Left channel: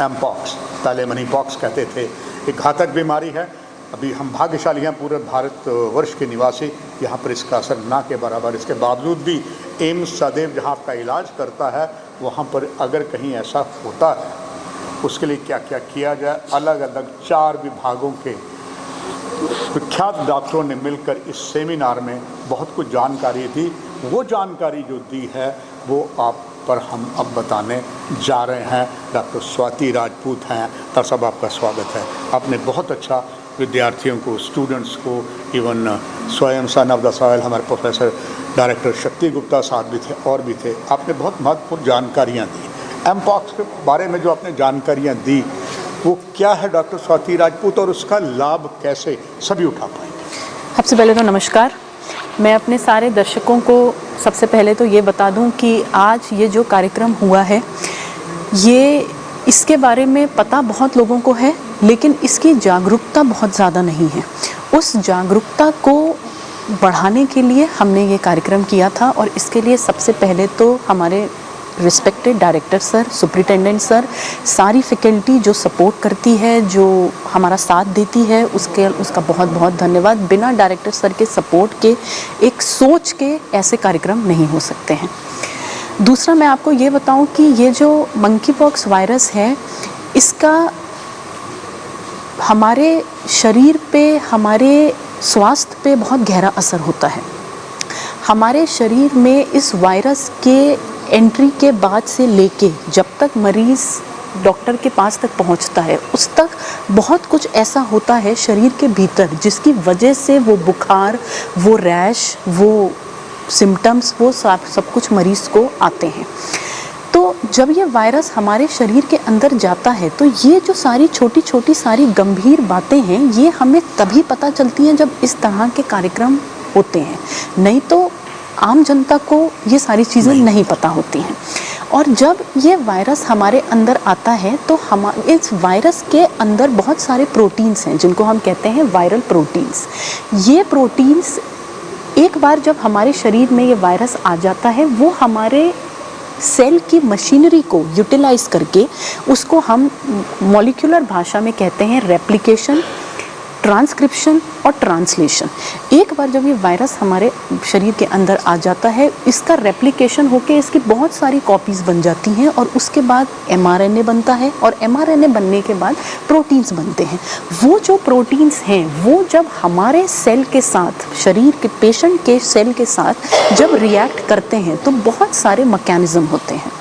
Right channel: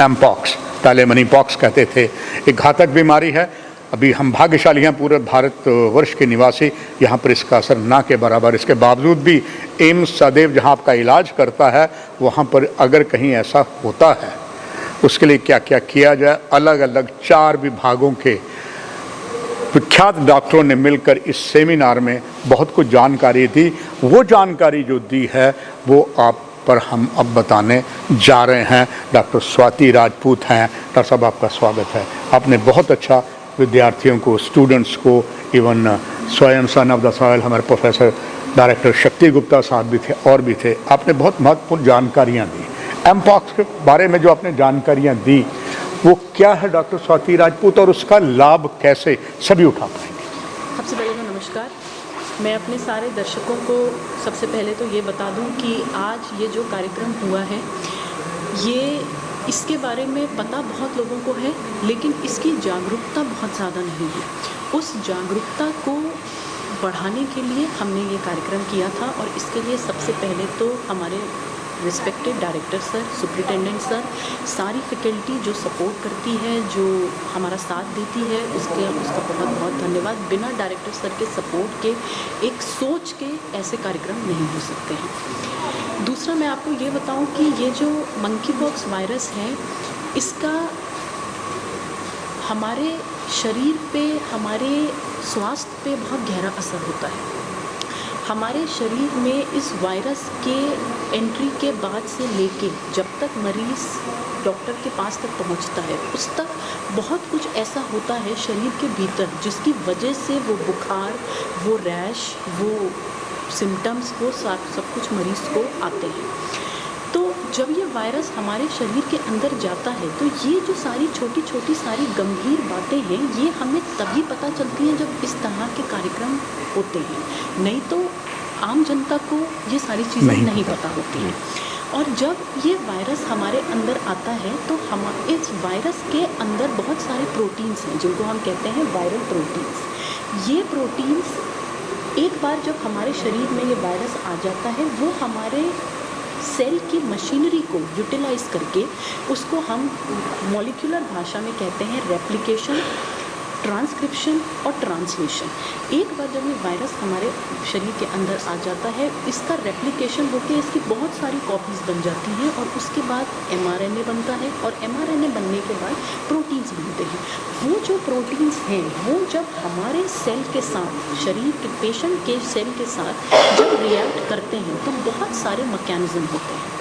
Mpox, पहले मनीपॉक्स कहते थे, एक घातक बीमारी है। अभी हम भाग्यशाली हैं पूरे भारतवर्ष के निवासी, यहाँ पर इसका असर ना के बराबर। इसके बावजूद भी एम्स सदैव जहाँ आपका इलाज करता है, वहाँ पर अगर कहीं ऐसा होता है उसके लिए क्या क्या किया जाए, अलग अलग 4 विभागों के विख्यात डॉक्टरों ने मिलकर इस सेमिनार में बहुत कुछ जानकारी दी। वो जानकारी जो दी है वो आप पर हम अब बताने जा रहे हैं। डॉक्टर स्वाति राजपूत हैं। डॉक्टर साहब, आपका स्वागत है। आपने बहुत अच्छा विद्यार्थियों को, स्टूडेंट्स को, इवन स्वयं सन ऑफ द सॉइल हमारे प्रोफेसर डायरेक्टर शक्ति गुप्ता साहब भी थे और भी थे, आपने बहुत महत्वपूर्ण जानकारियाँ दी। एमपॉक्स के बारे में जो आपने जानकारियाँ दी वो क्या है डॉक्टर स्वाति राजपूत, और उसका लाभ कैसे सभी उठा पाएंगे? सबसे पहले तो नमस्कार। मैं अपने सारे दर्शकों को सबसे पहले तो ये बता दूं कि आज ये जो कार्यक्रम हुआ है, ये इसके बारे में पता बहुत लोगों को है, लेकिन इसकी जागरूकता बहुत ज़्यादा नहीं है। उस जागरूकता को बढ़ाने के लिए हमने ये कार्यक्रम किया था, और इसके लिए सबसे पहले तो हमारे respected director sir, superintendent sir, सारी फैकल्टी जो सपोर्ट करती है, जो हमारा साथ देती है, उसका बहुत बहुत धन्यवाद। बिना डायरेक्टर सर के सपोर्ट के, एक सोच के ऐसे कार्यक्रम नहीं हो सकते हैं। दूसरा मैं आपको ये बताऊं कि ये जो मंकी पॉक्स वायरस है, इसका हमारे शरीर पे, हमारे स्वास्थ्य पे बहुत गहरा असर होता है। हमारे शरीर में इस वायरस के एंट्री के बाद से लेके जब तक मरीज़ डॉक्टर के पास तक पहुंचता है, उस तक बहुत कुछ ऐसा होता है शरीर के भीतर जिसकी वजह से वो बुखार, वो रैश, वो सिम्टम्स, वो सब कुछ मरीज़ को आते हैं। तो जब ये वायरस हमारे शरीर के अंदर जाता है, तो ये जो सारी छोटी छोटी सारी गंभीर बातें हैं, ये हमें तभी पता चलती हैं जब इस तरह के कार्यक्रम होते हैं। नहीं तो आम जनता को ये सारी चीज़ें नहीं पता होती हैं। और जब ये वायरस हमारे अंदर आता है, तो इस वायरस के अंदर बहुत सारे प्रोटीन्स हैं जिनको हम कहते हैं वायरल प्रोटीन्स। ये प्रोटीन्स एक बार जब हमारे शरीर में ये वायरस आ जाता है, वो हमारे सेल की मशीनरी को यूटिलाइज करके, उसको हम मॉलिक्यूलर भाषा में कहते हैं रेप्लिकेशन, ट्रांसक्रिप्शन और ट्रांसलेशन। एक बार जब ये वायरस हमारे शरीर के अंदर आ जाता है, इसका रेप्लिकेशन होके इसकी बहुत सारी कॉपीज़ बन जाती हैं, और उसके बाद mRNA बनता है, और mRNA बनने के बाद प्रोटीन्स बनते हैं। वो जो प्रोटीन्स हैं, वो जब हमारे सेल के साथ, शरीर के पेशेंट के सेल के साथ जब रिएक्ट करते हैं, तो बहुत सारे मैकेनिज़्म होते हैं।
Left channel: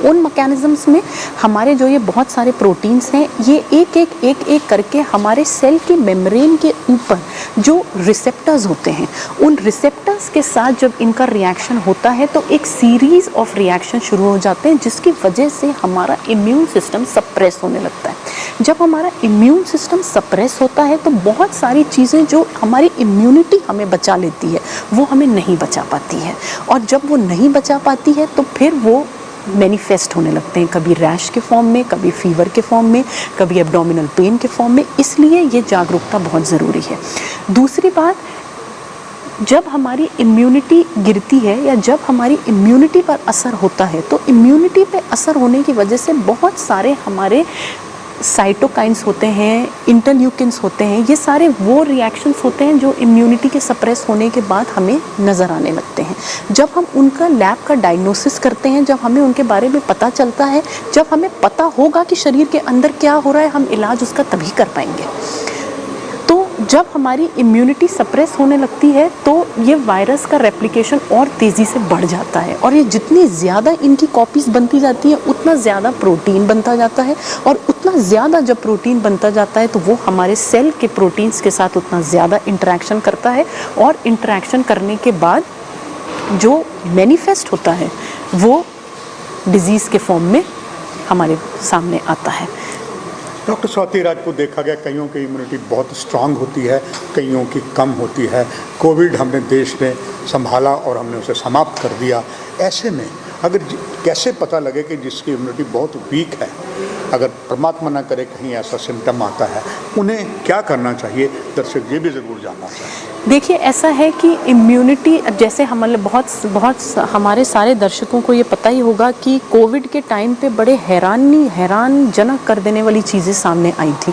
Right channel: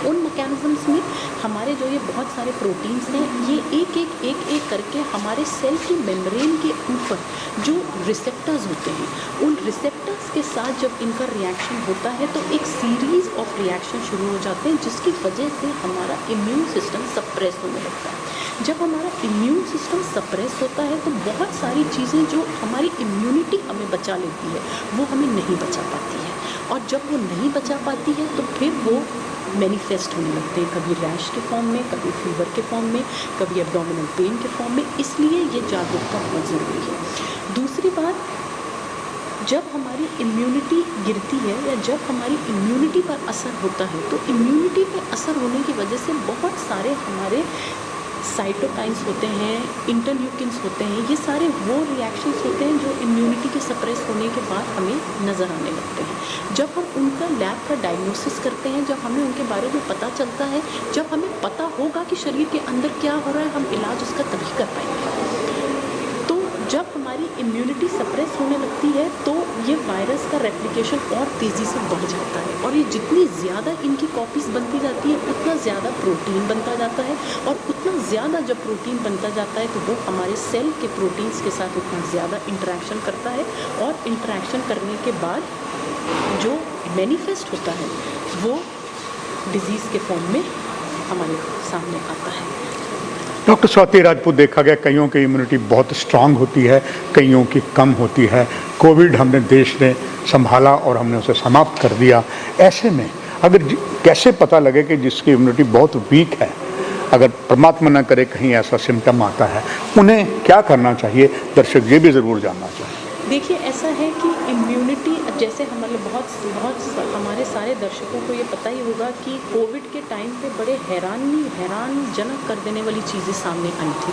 उन मैकेनिज़म्स में हमारे जो ये बहुत सारे प्रोटीन्स हैं, ये एक एक करके हमारे सेल की मेम्ब्रेन के ऊपर जो रिसेप्टर्स होते हैं, उन रिसेप्टर्स के साथ जब इनका रिएक्शन होता है, तो एक सीरीज़ ऑफ रिएक्शन शुरू हो जाते हैं, जिसकी वजह से हमारा इम्यून सिस्टम सप्रेस होने लगता है। जब हमारा इम्यून सिस्टम सप्रेस होता है, तो बहुत सारी चीज़ें जो हमारी इम्यूनिटी हमें बचा लेती है, वो हमें नहीं बचा पाती है। और जब वो नहीं बचा पाती है, तो फिर वो मैनिफेस्ट होने लगते हैं, कभी रैश के फॉर्म में, कभी फीवर के फॉर्म में, कभी एब्डोमिनल पेन के फॉर्म में। इसलिए ये जागरूकता बहुत ज़रूरी है। दूसरी बात, जब हमारी इम्यूनिटी गिरती है या जब हमारी इम्यूनिटी पर असर होता है, तो इम्यूनिटी पे असर होने की वजह से बहुत सारे हमारे साइटोकाइंस होते हैं, इंटरल्यूकिन्स होते हैं, ये सारे वो रिएक्शंस होते हैं जो इम्यूनिटी के सप्रेस होने के बाद हमें नज़र आने लगते हैं। जब हम उनका लैब का डायग्नोसिस करते हैं, जब हमें उनके बारे में पता चलता है, जब हमें पता होगा कि शरीर के अंदर क्या हो रहा है, हम इलाज उसका तभी कर पाएंगे। तो जब हमारी इम्यूनिटी सप्रेस होने लगती है, तो ये वायरस का रेप्लिकेशन और तेज़ी से बढ़ जाता है, और ये जितनी ज़्यादा इनकी कॉपीज़ बनती जाती है, उतना ज़्यादा प्रोटीन बनता जाता है, और उतना ज़्यादा जब प्रोटीन बनता जाता है, तो वो हमारे सेल के प्रोटीन्स के साथ उतना ज़्यादा इंटरेक्शन करता है, और इंटरेक्शन करने के बाद जो मैनिफेस्ट होता है, वो डिज़ीज़ के फॉर्म में हमारे सामने आता है। डॉक्टर स्वाति राजपूत, देखा गया कईयों की इम्यूनिटी बहुत स्ट्रांग होती है, कईयों की कम होती है। कोविड हमने देश ने संभाला और हमने उसे समाप्त कर दिया। ऐसे में अगर कैसे पता लगे कि जिसकी इम्यूनिटी बहुत वीक है, अगर परमात्मा न करे कहीं ऐसा सिम्टम आता है, उन्हें क्या करना चाहिए? दर्शक ये भी ज़रूर जानना चाहिए। देखिए, ऐसा है कि इम्यूनिटी, जैसे हमारे हमारे सारे दर्शकों को ये पता ही होगा कि कोविड के टाइम पे बड़े हैरानजनक कर देने वाली चीज़ें सामने आई थी।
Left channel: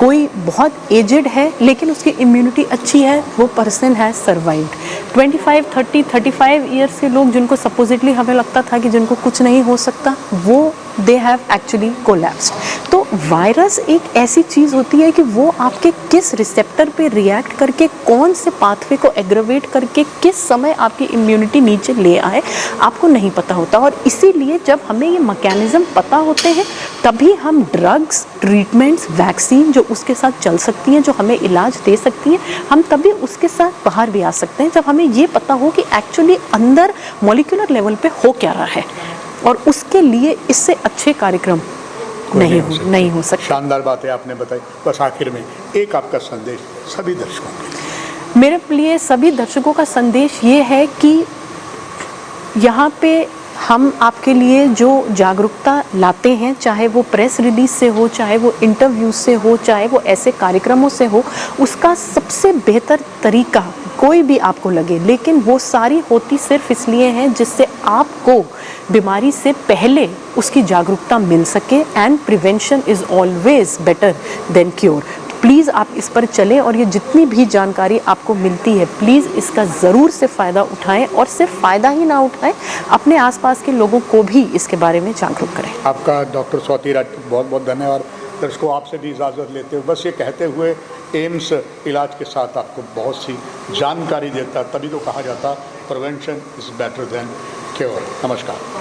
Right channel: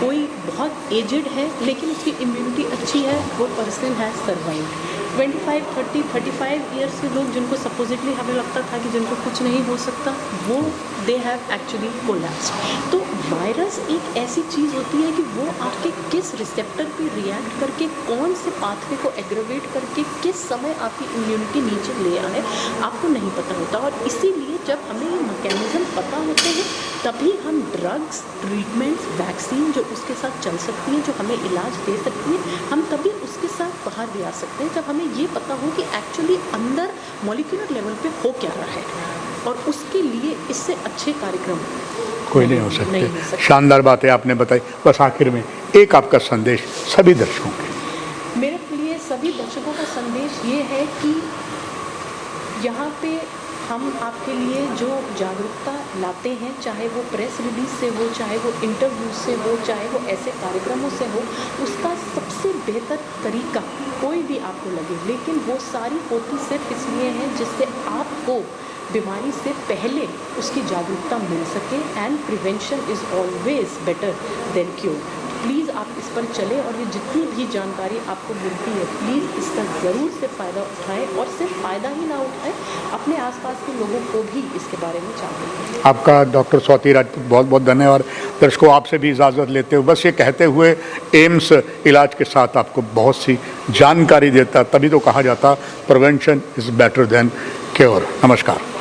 कोई बहुत एजेड है लेकिन उसकी इम्यूनिटी अच्छी है, वो पर्सन हैज़ सर्वाइव्ड। 25, 30, 35 ईयर्स के लोग जिनको सपोजिटली हमें लगता था कि जिनको कुछ नहीं हो सकता, वो दे हैव एक्चुअली कोलैप्स्ड। तो वायरस एक ऐसी चीज़ होती है कि वो आपके किस रिसेप्टर पे रिएक्ट करके कौन से पाथवे को एग्रवेट करके किस समय आपकी इम्यूनिटी नीचे ले आए, आपको नहीं पता होता। और इसीलिए जब हमें ये मैकेनिज्म पता होते हैं तभी हम ड्रग्स, ट्रीटमेंट्स, वैक्सीन जो उसके साथ चल सकती हैं, जो हमें इलाज दे सकती हैं, हम तभी उसके साथ बाहर भी आ सकते हैं जब हमें ये पता हो कि एक्चुअली अंदर मॉलिक्यूलर लेवल पे हो क्या रहा है। और उसके लिए इससे अच्छे कार्यक्रम नहीं हो सकते। शानदार बातें आपने बताई। बस आखिर में एक आपका संदेश सभी दर्शकों के। मेरे लिए सभी दर्शकों का संदेश ये है कि यहाँ पे हम आपके लिए जो जागरूकता लाते हैं, चाहे वो प्रेस रिलीज से हो, चाहे वो इंटरव्यू से हो, चाहे वो ऐसे कार्यक्रमों से हो, उसका सबसे बेहतर तरीका कोई भी आपको लगे, लेकिन वो सारी होती सिर्फ इसलिए हैं जिससे आपको बीमारी से पहले उसकी जागरूकता मिल सके। And prevention is always better than cure. Please आप इस पर चलें और ये जितनी भी जानकारी आपको मिलती है, प्लीज़ इसका ज़रूर से फ़ायदा उठाएं। और सिर्फ फ़ायदा ही ना उठाएं, अपने आसपास के लोगों को भी इसके बारे में जागरूक करें। आपका डॉक्टर स्वाति राजपूत बहुत बहुत धन्यवाद। दर्शकों, आपसे भी इजाज़त लेते हुए बस ये कहते हुए, एम्स इलाज के साथ आपको बहुत सी जानकारी देता, तभी तो कहा जाता prevention is better than cure. नमस्कार।